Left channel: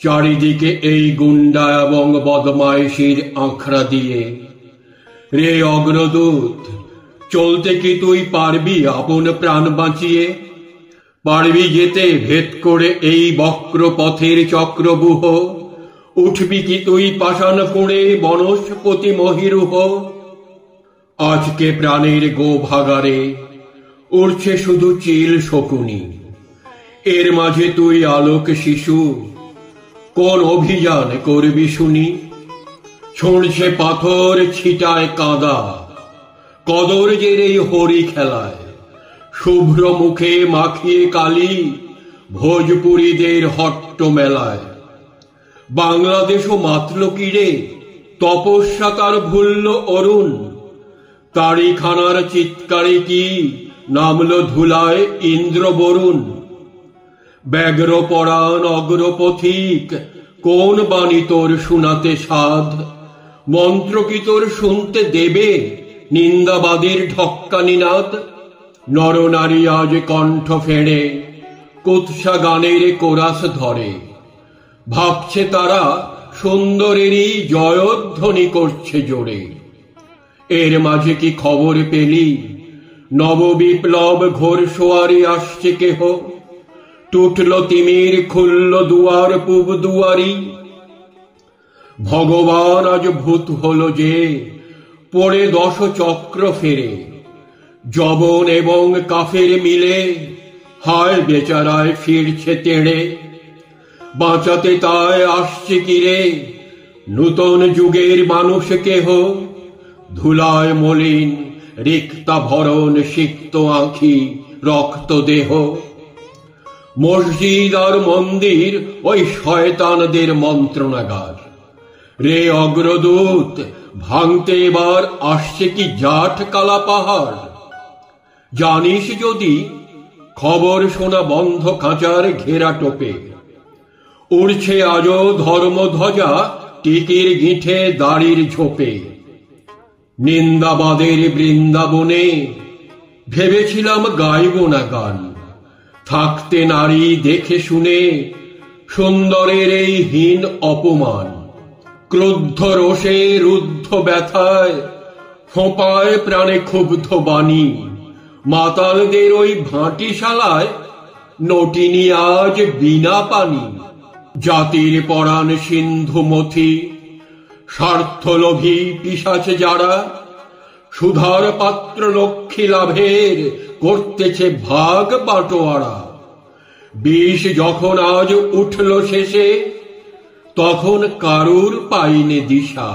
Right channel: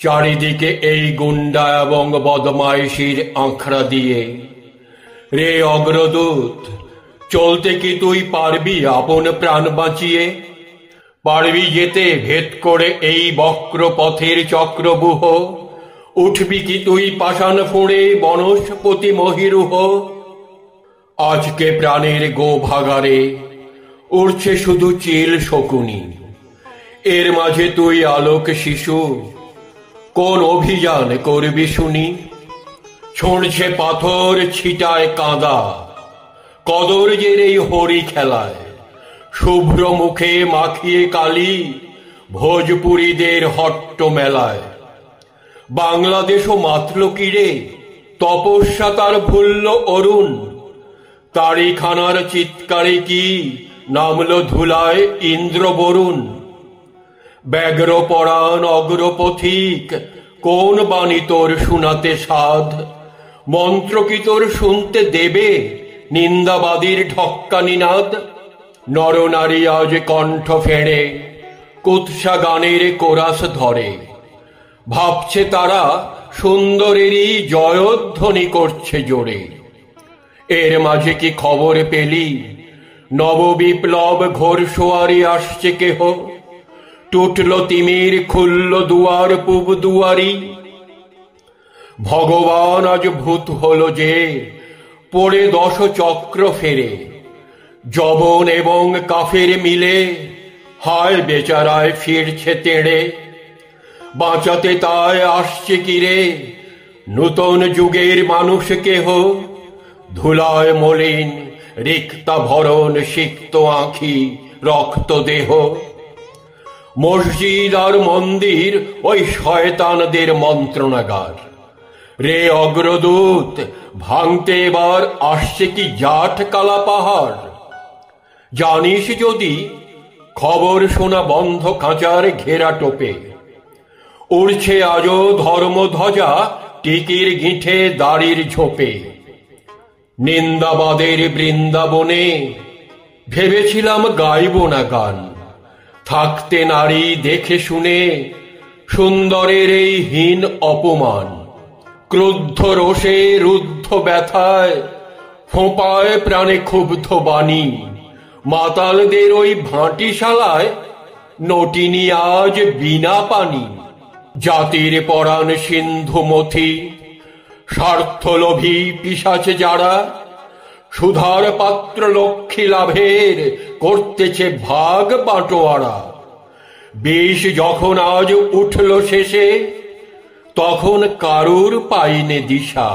চারিদিকে এই গুন্ডা এবং বদমাইশির আঁকড়া দিয়ে। রে অগ্রদূত, চলতে কি তুই পারবি আপন প্রাণ বাঁচিয়ে? পারবি যেতে ভেদ করে এই বক্র পথের চক্রবুহ? উঠবি কি তুই পাষাণ ফুঁড়ে বনস্পতি মহিরুহ? আজকে প্রাণের গো ভাগারে উড়ছে শুধু চিল শকুনি। এর মাঝে তুই আলোক শিশু, কোন অভিযান করবি শুনি? ছুঁড়ছে পাথর, ছিটায় কাঁদা, কদর জের এই হরি খেলায়। শুভ্র মুখে মাখিয়ে কালি ভোজপুরীদের হট্ট মেলায়। বাংলাদেশও মাতল কিরে, তপস্যা তার ভুলল অরুণ। তারিখানার চিৎকারে কি নামল ধুলায় ইন্দ্র বরুণ। ব্যগ্র পরাণ অগ্রপথিক, কোন বাণী তোর শুনাতে সাধ? মন্ত্র কি তোর শুনতে দেবে নিন্দাবাদীর ঢক্কানি নাদ? নরনারী আজ কণ্ঠ ফেড়ে কুৎসা গানের কোরাস ধরে। ভাবছে তারা সুন্দরেরই জয়ধ্বনি করছে জোরে। এর মাঝে কি খবর পেলি নববিপ্লব ঘোরসোয়ারি আসছে কেহ? টুটল তিমির, খুলল দুয়ার পূব দুয়ারি। ভগবান আজ ভূত হলো যে পড়ে 10 চক্র ফেরে। যবন এবং কাফের মিলে হায় বেচারায় ফিরছে তেড়ে। বাঁচাতে তাই আসছে কিরে নূতন যুগের মানুষ কেহ? ধুলায় মলিন, রিক্তা ভরণ, সিক্ত আঁখি, রক্ত দেহ। মসজিদ আর মন্দির ওই শয়তানদের মন্ত্রণাগার। রে অগ্রদূত, ভাঙতে এবার আসছে কি জাট কালা পাহাড়? জানিস যদি খবর শোনা বন্ধ খাঁচার ঘেরা টোপে। উড়ছে আজও ধর্মধ্বজা টিকির গিঁঠে দাড়ির ঝোপে। নিন্দাবাদের বৃন্দাবনে ভেবেছিলাম গাইব না গান। থাকতে নারী দেখে শুনে সুন্দরের এই হীন অপমান। ক্রুদ্ধ রোষে, রুদ্ধ ব্যথায়, ফোঁপায় প্রাণে ক্ষুব্ধ বাণী। মাতালদের ওই ভাঁটিশালায় নটিনি আজ বিনা পানি। জাতির পরাণ সিন্ধু মথি, স্বার্থলোভী পিশাচে যারা সুধার পাত্র লক্ষ্মী লাভের করতেছে ভাগ বাটোয়ারা। বিষ যখন আজ উঠল শেষে, তখন কারুর পাইনে দিশা।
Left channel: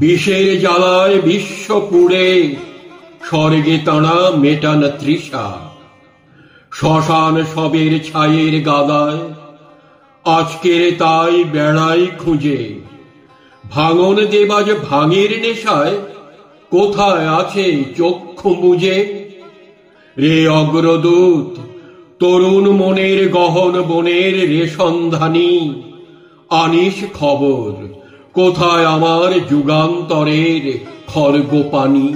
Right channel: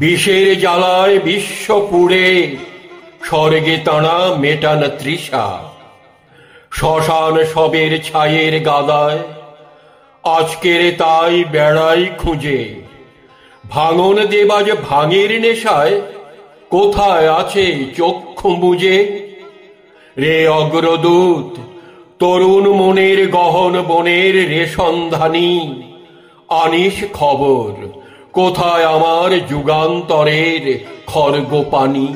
বিষের জ্বালায় বিশ্ব পুড়ে স্বর্গে তাঁরা মেটান তৃষা। শ্মশান সবের ছায়ের গাদায় আজকের তাই বেড়াই খুঁজে। ভাঙন দেবাজ ভাঙের নেশায় কোথায় আছে চক্ষু বুঝে? রে অগ্রদূত, তরুণ মনের গহন বনের রেশনধানী, আনিস খবর কোথায় আমার যুগান্তরের খর্গ পানি?